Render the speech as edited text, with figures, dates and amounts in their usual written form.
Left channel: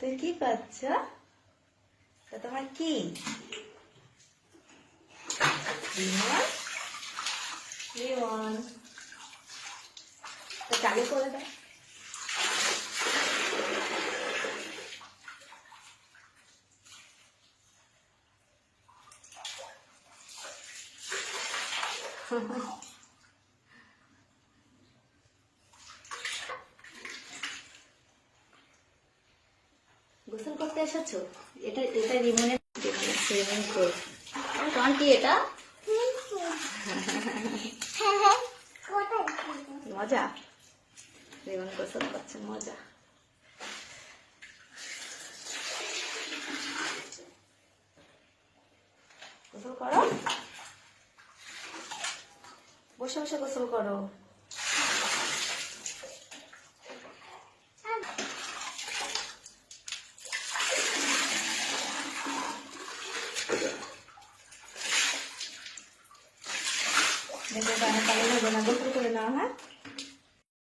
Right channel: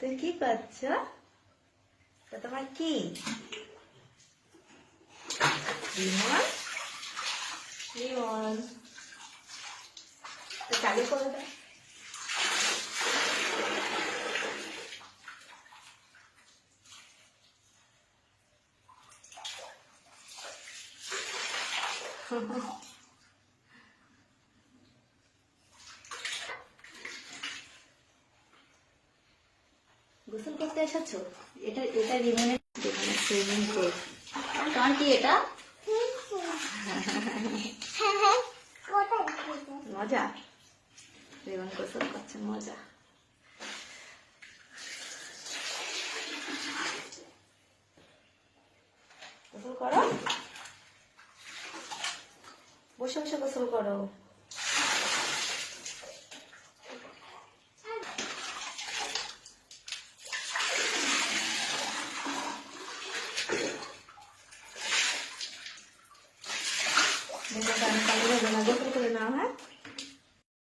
তুই কি করছ? তোমার কি রিমন? রিমন চালু করে দাও। গোসল করতে এসেছো? এটা এটা রিমনের সুইমিং পুল। তোমার কি এটা? মজা। রিমন গোসল করছে, মজা। গোসল করো, বসে বসে গোসল করো। দেখো পানি পানি হবে না, গোসল করে নাও। হ্যাঁ।